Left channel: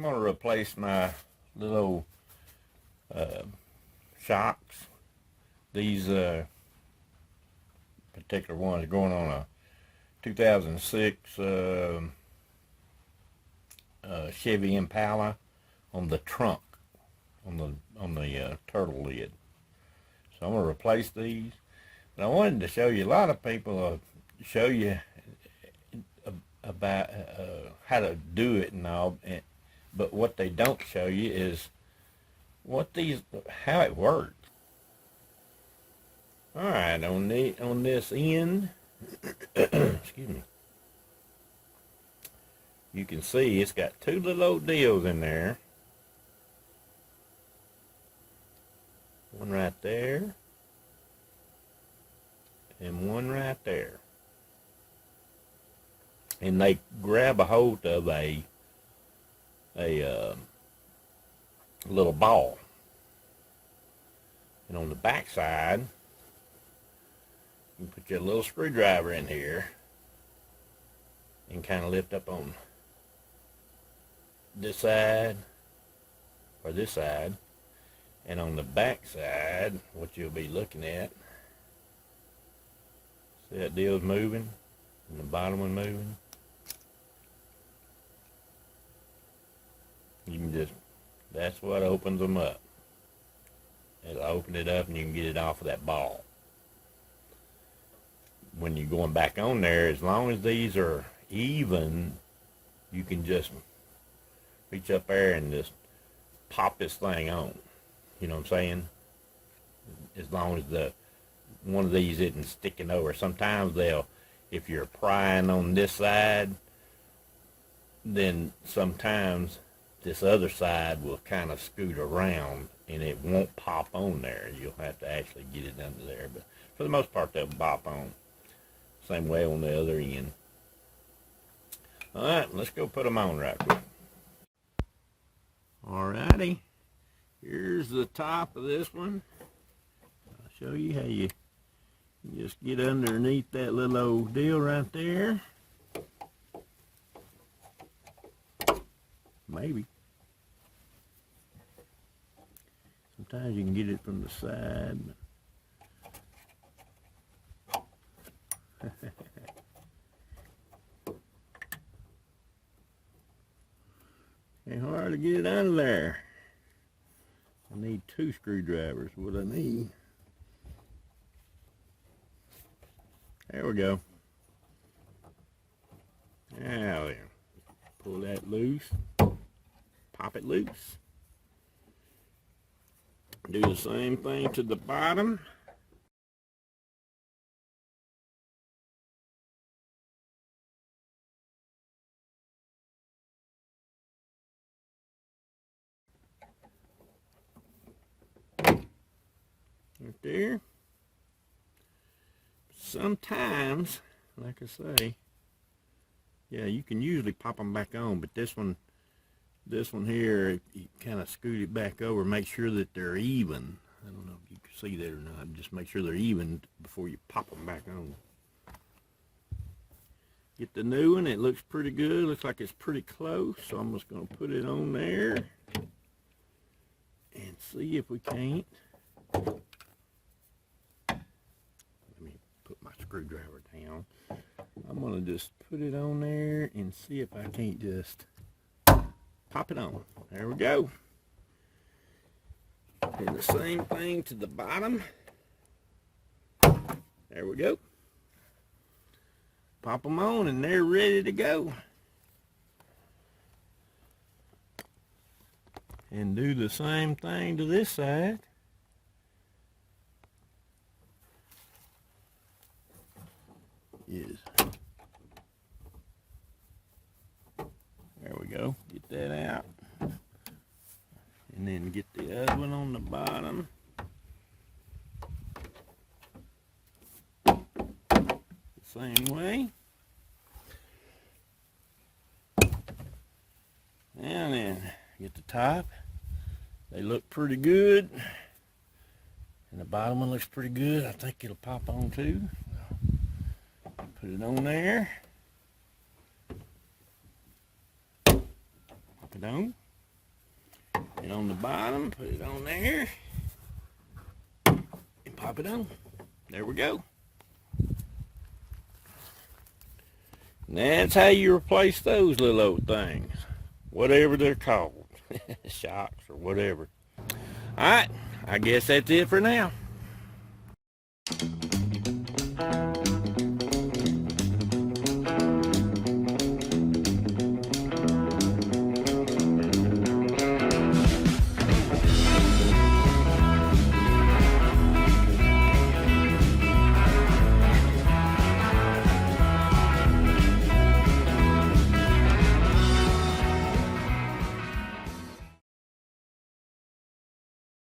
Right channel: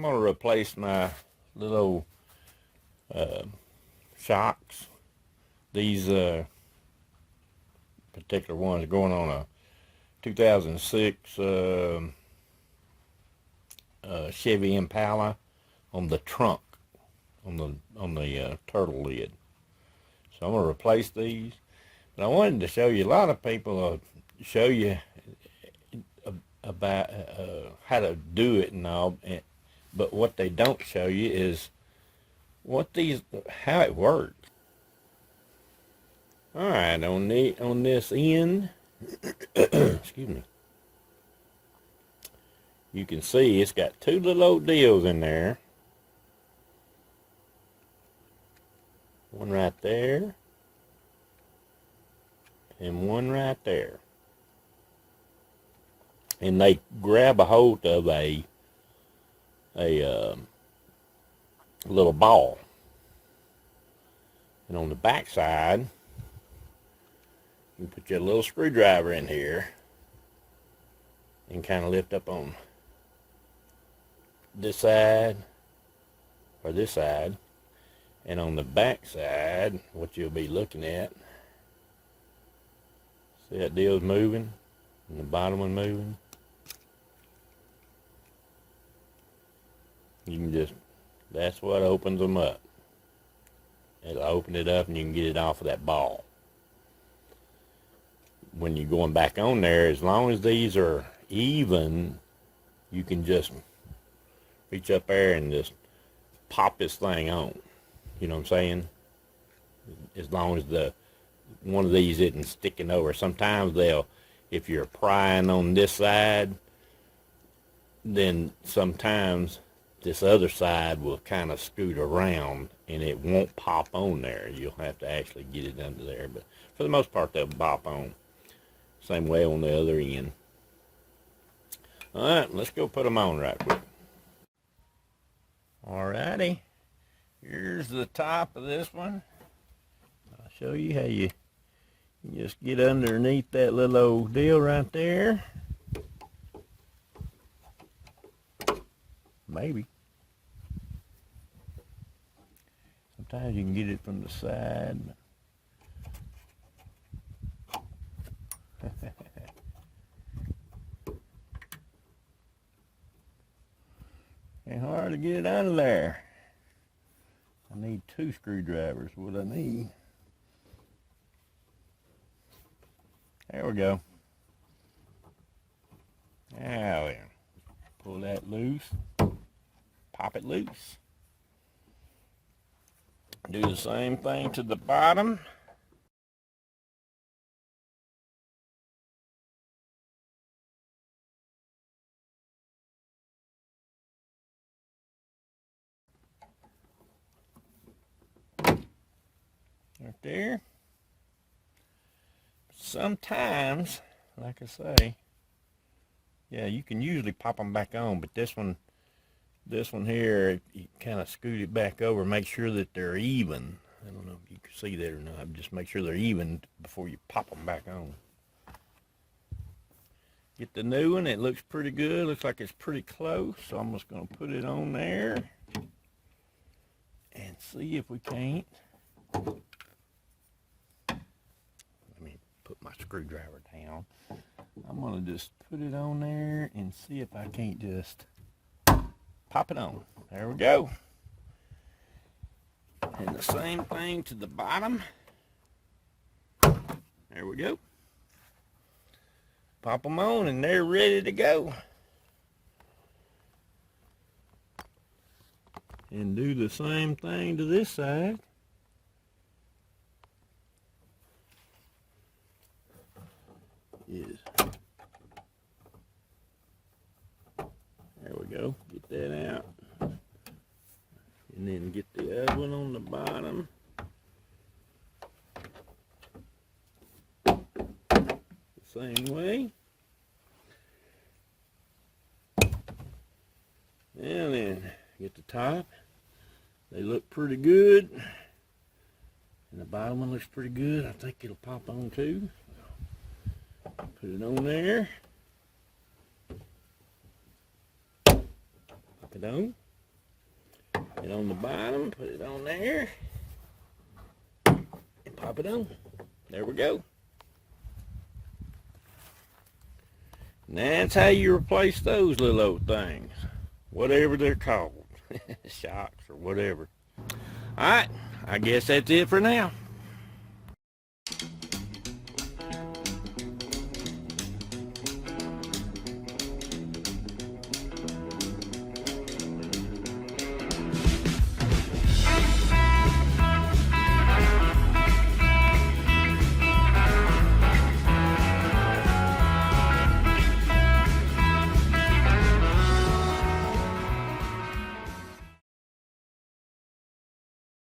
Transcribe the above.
I'm going to replace my little shocks. These particular ones going on a 2006 Chevy Impala on the trunk, on the turtle lid. So I'm going to replace these. But I wanted to show you, a lot of people show you about how to do it and all, but what they don't show you is how it works. All right, on this end, excuse me, you can see it's got two little old deals in there. One right there, and one right there. And they grab a hold of a little ball. And on the back side, you put your little screwdriver in here and kind of lift up on this side or this side. And on the back side, what you'll be looking at, see that deal's moving and the bottom one moving. You can just, that's what opens them up. It'll open it up and you can get it off of that ball. When you're going back on there, as long as these are even, you can just reach up there and just pop this thing on. You know what I'm saying? As long as one of these isn't sticking over. Sometimes if you're prying on this side, then sometimes this other side will kind of scoot around and it won't pop on there. You'll have to actually get it under there. But for the most part, they'll pop on. Same way on the other end. All right, let's go put them on right quick. Alrighty, here's the top of this one. I'll show you how you just get underneath that little old deal right there. Maybe. Sometimes you can get it from the side. Ain't hard to get it out of there. I need 2 screwdrivers, what I need. There we go. Now then, pull that loose. Pop it loose. Do the same thing to the bottom. Right there. Sometimes, like I say, yeah, you can usually pop them back on, but this one here, you kind of scoot it back over, make sure that they're even. I don't know if you can see that or not. Just make sure they're even before you pop them back on. Get the new one. It looks pretty good. Looks like it's pretty close. So I'm just going to put it on there and see if we can't. Let me put my screwdriver down. I'm going to just put it on there and see if I can't just pop it on. There we go. And the same thing to the bottom. There we go. Pop them on and they're ready to go. And do the same thing to this side. Yes. There we go. Get that out. And then get the other one on the bottom. The same way. And then get the top. They look pretty good. And the bottom one looks pretty good. I think it'll pop on too. Put it on there. Pop it on. And on the bottom, put it on there. And pop it on. There we go. And that's how you replace those little old things. Whatever they're called. Shocks or whatever. Alright, I guess that's it for now.